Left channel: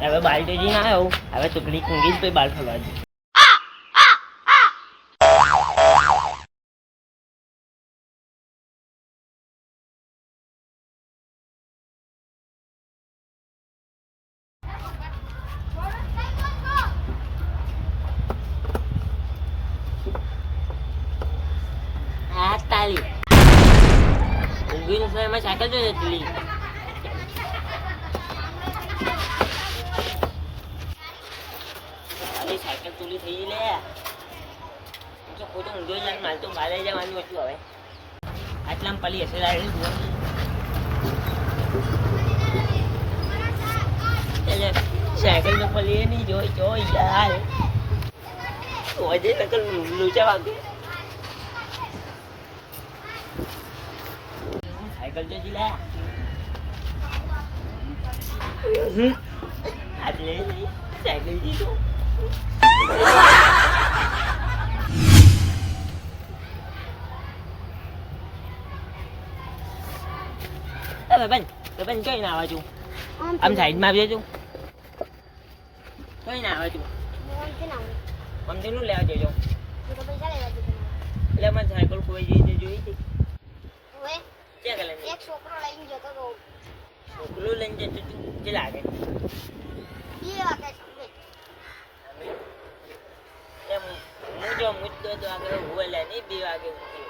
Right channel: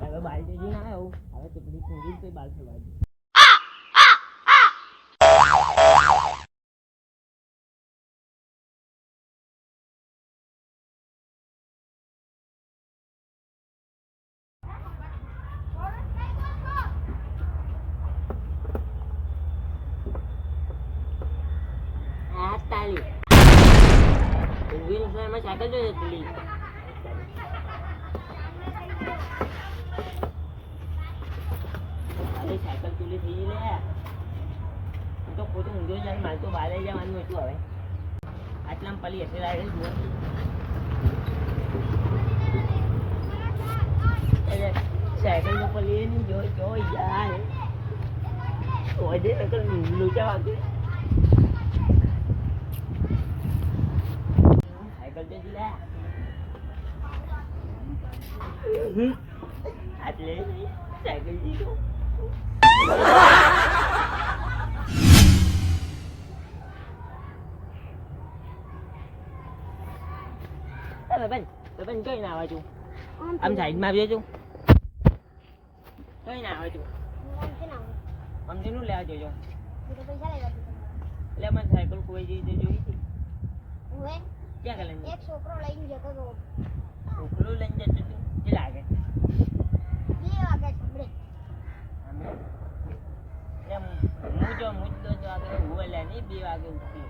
હવે બાલ તો જઈને આવ્યો હવે ટુકડી કુંગી જ પછી બાલ ફરવા તાલી. સાયકલ જો જતી સાયકલ થઈ લે હું તો ખોટું ઊંધો જાય મારે તો બહાર જવાનું હતું હવે આટલામાં પલી હશે લાગે જુઓ સાયકલ તો પલી નહીં જોઈ જો યાર હોજે નકલ લૂચા વાગે સાયકલ તો જીલા આટલે સાયકલ જીતો અરે બેન તો બેન કઈ ના આવે છું આમ સાઈડમાં આવી જજો કઈ ના આવે છું મમતીનું લેવા જજો એટલે મને સાયકલ ખોવાઈ જઈ તે જોઈ હતી ક્યાં ગયેલા છે? એક છોકરો લઈને જતો હતો છોકરું લઈને જતો તું જે લાગે બે વાગે સાંભળે અમે એમ હું જો મુદ્દો તો આગળ હોવેલા નહીં બે વાગે ઉઠી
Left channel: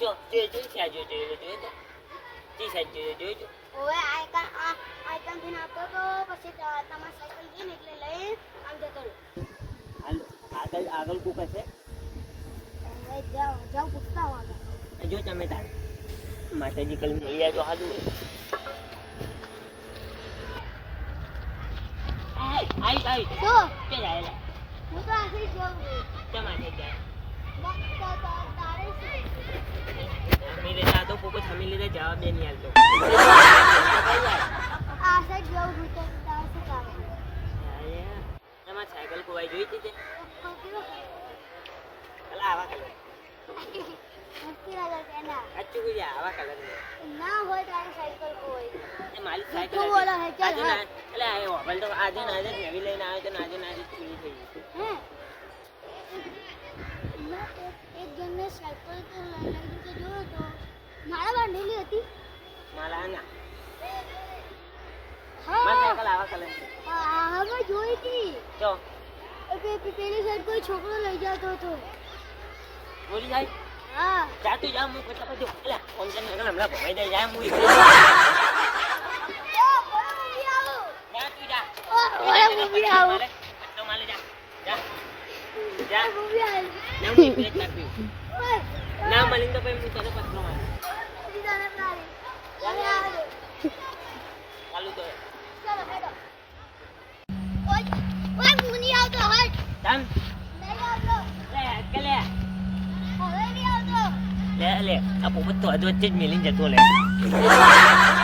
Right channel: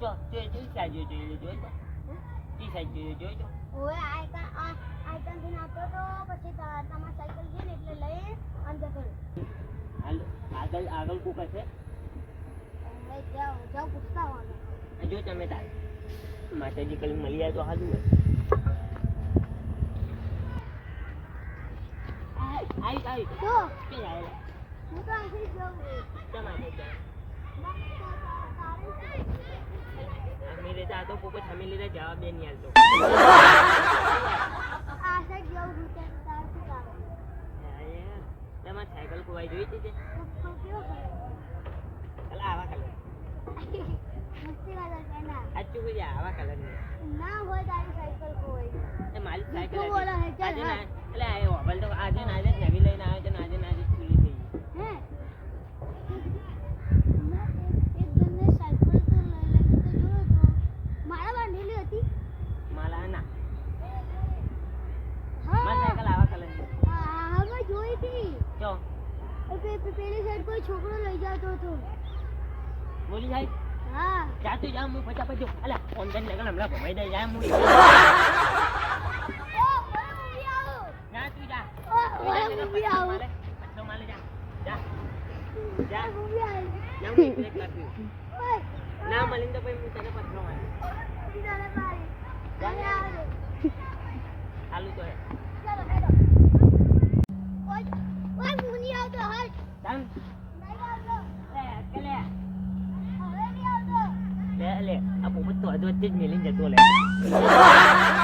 જો જોઈ જોઈ સાઈડ જોઈ જોઈ જોઈ તો જી સાઈડ જોઈ જોઈ જો હવે આઈકન આઈકનથી આવતો તો પછી તમાર સાયકલ ગઈ ને એટલે લઈ આમ જતો હાલો આગળ આગળ કો હશે? જાઓ જાઓ પૂછતા આગળ જો તમે તાર માતાજી કલ મળી તો સારું હોય. આઈ આઈ. તો કે જાયેલા હું તો આખી જોઉં તમારે જાય મગ તા- તા- તારે શું? અમે લેતા તો લીધે જવાબ નહીં હાલતો. તમારે સાયકલ કુવાઈ જોઈ હતી તે? આવા કલર સાચું આવા કલર ના હોય તારી સાયકલ કોઈ એ મારી સાયકલ આજે. ના એટલે આ હોબલ તો આજે ને આજે નવી લઈને આવ્યો તો આજે ને આજે પૂરી થઈ ગઈ. હે મેં એક- એક જણને સાયકલ તો લઈને તો જોયો તો મારા બાંધેલી હતી. માળા ના હા. સાયકલ આવા કલર છે. હા હા મેં જોઈ હતી. તો એ પે- પે- પેલી સાઈડ કોઈ છોકરો લઈ જતો હતો. બોલી જાય. હા. જા તું જા હું ફટાફટ જો. અલા ફોન કરીને હમણાં ભમાઈ દે જા હું એકલો. ઓ બરો મૂવી જા તું જા. ઓ મૂવી આવો. મારે, પત્તો જા. જા. જા મૂવી આવો. ના હું ના તો તને પત્રો મારે. લે લે. આ પોપટ તો હજુ જ મેલીને જતો લે.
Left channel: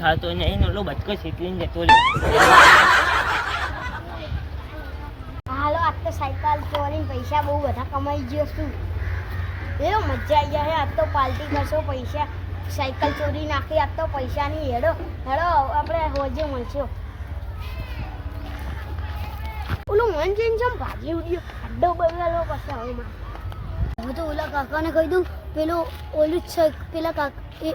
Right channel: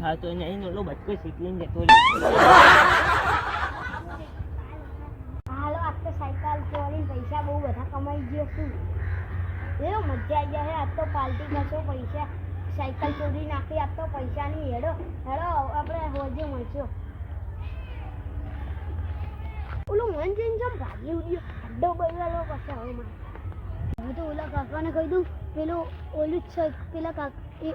હું તો એનો ને ઓલો બચકો શીખવીને જતો લે હાલો, આજ તો સાયકલ ચોરીને પૈસા બહુ બધા કમાઈ ગયો છું. એવો મજા આવી જાય, આજ તો પાર્ટી કરશો પૈસા. સાયકલ ચોરી નાખી, આજ તો પૈસા નહીં હેડો. હેડો, આપણે હોજે મળશો. ઓલું મન જઈને જેમ ભાગી ઉડ્યો અડ્ડો બગડેલો પછી હવે હું તો ઓલા કાકાને કહી દઉં, પેલો ઓલું સાયક પેલા કાકા એ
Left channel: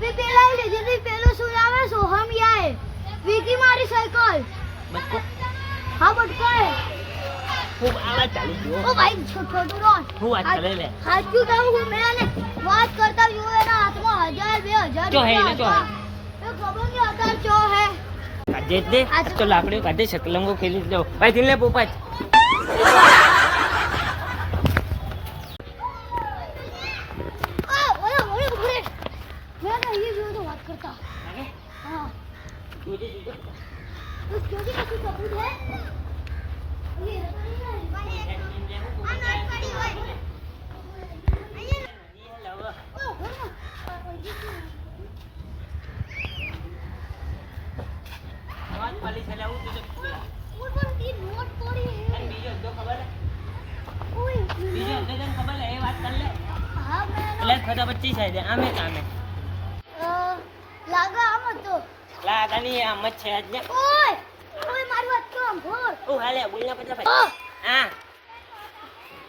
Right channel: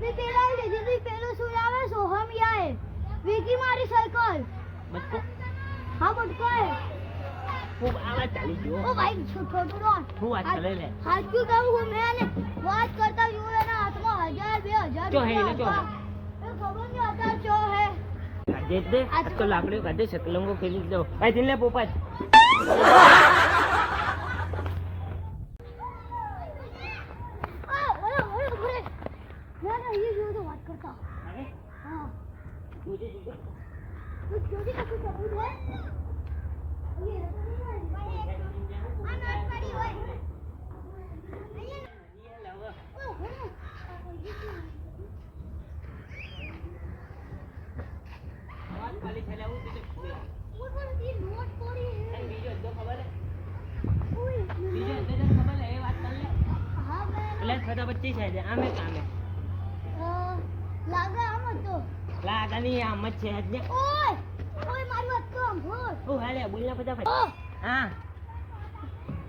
મેં પેલા લીધી હતી પેલું આવે સોહમ યાય વીકી મારી સાયકલ. બચકો હા બટકાય ખૂબ આવાજ ચાલી ગયો. ઓ ભાઈ છોટું ડોલ હું વાત કરે લે. સાચું કહું હું મેં એને વાત કરતા જોયું એના હાથમાં હજાર બે હજાર ચો હે, હે. હતા. એ ખબર નહીં અત્યારે ચો હે. કાઢે જ દે. આ તો લાકડીઓ કાઢે શકલંગો ખેલી દો ભાઈ દિલ લે પોપટ. પચીસ છે આમે કામે. લાગે આમ હતો લાગણી આમ જ છે આજ ઓય ઓય મારું વાત તો આમ ભોર ઓ હાલે બોલના પચાસ ભાઈ. હા.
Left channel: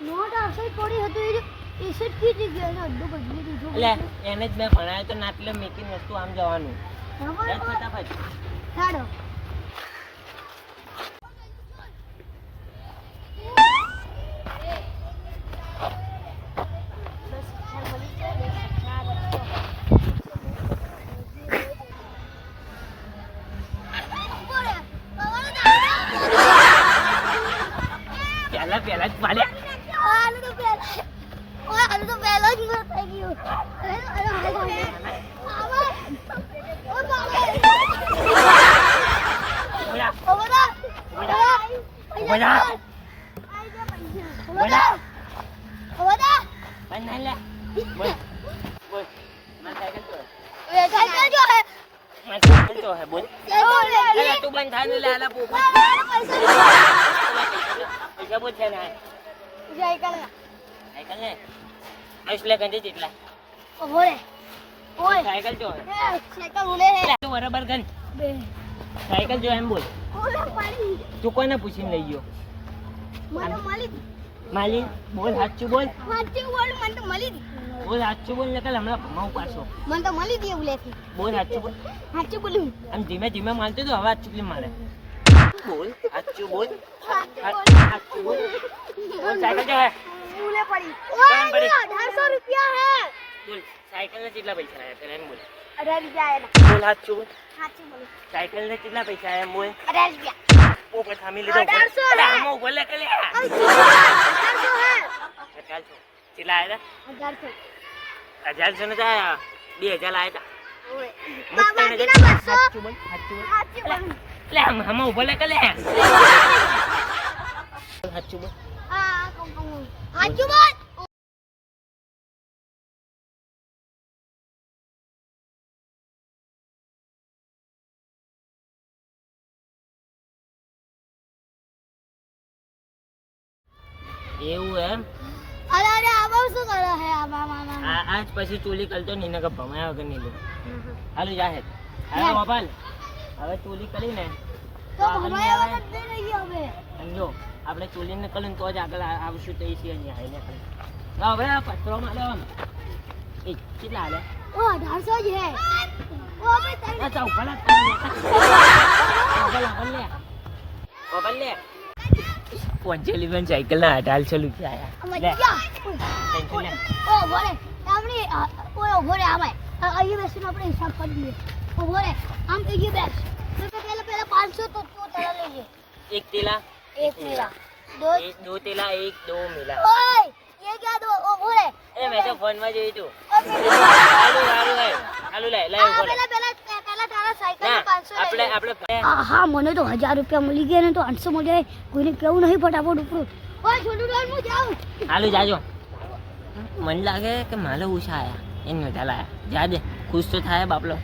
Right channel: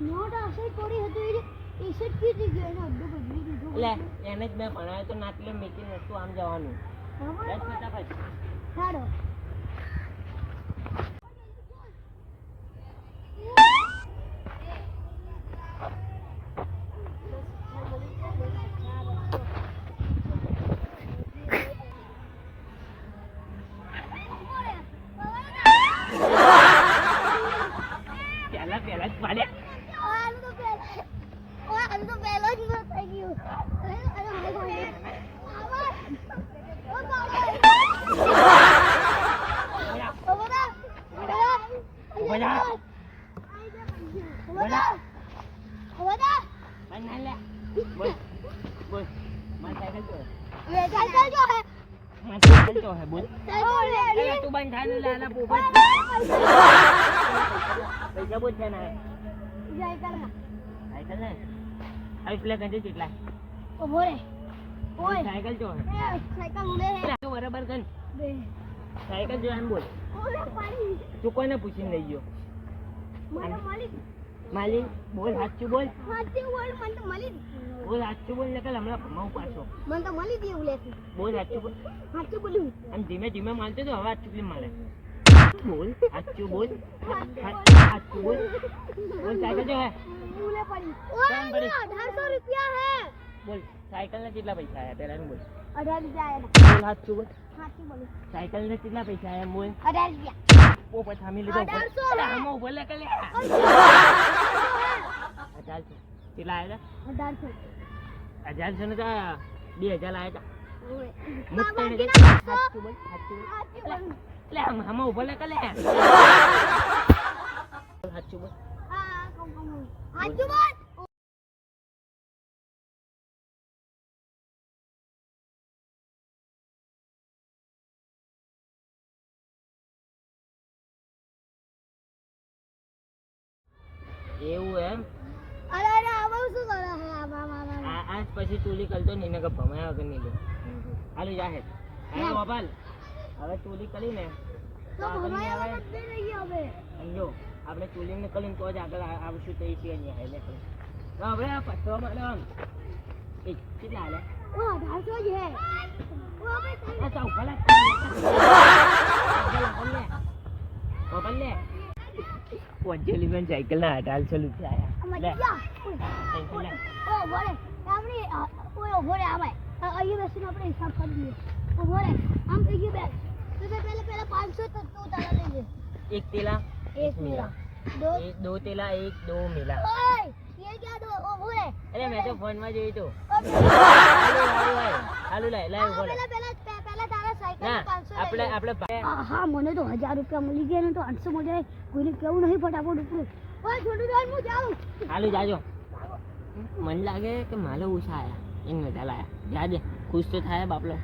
નોટ આવશે પડી હતું એ એ સેટ કીધી ગયો ને અડ્ડો બદલી દીધો લે એને જ મેં ભણાવ્યો તો નાટલે મેકિંગ વસ્તુ આમ જવાનું. યાદ ફટાફટ. ચાલો પહેલા પહેલા જ પાડ્યા આનું તો પહેલા ઓય આનું તો પહેલા જ મર થઈ ગયું અરે અરે અરે આવા ઓ બાબા બોલા ઓ બડા બોલા બોલા બડા ઓ બડા પણ ના લે બોલ બોલ માર સાયકલ તો વે સાયકલ જો હે માર સાયકલ તો હે બોલ સાયકલ લે અરે તું બંધ થાય ને લે આલા પોપટ પૈસા બોલ છે ના સાયકલ સાયકલ ને આયુષ લે ગંજે જેટલા. ઓ બોલે ઓય. સાયકલ જો. સાયકલ ઉલે હે. બરાબર ગન. સાયકલ જો એમ બોલ. ઓલે પાડી? તું કોને પૂછીને લઈ ગયો? મને મળી માલી બોલ સાચું બોલ. માટી બોલ મને તો મળી બોલ સાચું બોલ ને હમણાં ભમાવું પાછો મને તો મળી દી ઉલેથી બોલ સાચું બોલ. સાચું બોલું. આમ ધીમે ધીમે માનતો તો હવે સાચું મારે બોલ સાચું બોલ. સાચું સાચું બોલ. બોલ સાયકલ જો હે. ઉલે પડી કેમ પડી? અઢારસો રૂપિયા હે બોલ સાયકલ ને કેટલા પૈસા આયા પેલા એમ બોલ અઢાર રૂપિયા આયા બોલ સાચું બોલ સાચું બોલું સાયકલ ને કેટલા પૈસા આયા એમ બોલ અઢાર રૂપિયા પોપટ થામી લીધો અઢારસો અરે ને? આમાં ઊભો લે કે લે અઢારસો હે અઢારસો કેટલા આયા અઢારસો હતા અઢારસો ને તો આયા બે હજાર આયા હતા ઓય મુક્ત ને બાકીના બસો સાચું બોલ સાચું બોલ સાચું બોલું લે આમ આમાં ઊભો લે કે લે સાચું બોલ બોલ એવું એમ? અરે અરે આવા શું કરે હે? આવા મામા આજ પછી ચોલી કલતો નહીં ને કે ભમાયા વગર નહીં લો હાલો જાહેર. યાર. ગોપાલ. હવે ચોલી કરી ને તો ભમાયા વગર રહી હવે. સમજો. આપણે ચોલીને કરીને તો જ આગળ આવશું તો એ છે અહીંયા આવીને આપણે હવે પથરો મારે આમ. એ કેટલા હાલે? ઓ અઢારસો જ હે. ઓ ભાઈ તઈ ભલા ભલા લે ઊભા લે પંચેલી બેન સાયકલ ના અઢારસો રૂપિયા લે. ઓ ભલે આપણે ઓ ભલે આમે. અહીંયા બેસીને આપણે હિસાબ કરી દઈએ. ઓ ભલે આમ ગયું બેસ. તો પહેલા પહેલા પાંચસો તો તું તલા લઈએ એક તેલા એક મિલા દો એક દો તેલા એક દો મિલા ઓય ये क्या दो उभो रे અરે મેં તો ફોન માં જોયું તું ઓય હાલું હાલું ભાઈ હાલું લે લે ઉભો લે પહેલા પહેલા પહેલા તારા સાયકલ ના પાંચસો આપણે આપણે ભાઈ- હા હા મને તો હજાર રૂપિયા મળી ગયા ને તો આઠસો મળી જાય કોઈને કેવું નહીં ફટાફટ ઉપરું ઓય છોટું ડોલ હું જાઉં હાલું જાજો મને લાગે કે માલે ઉષા આયા એને નતા લાયા જા દે ખુશ તો થાય બાપલો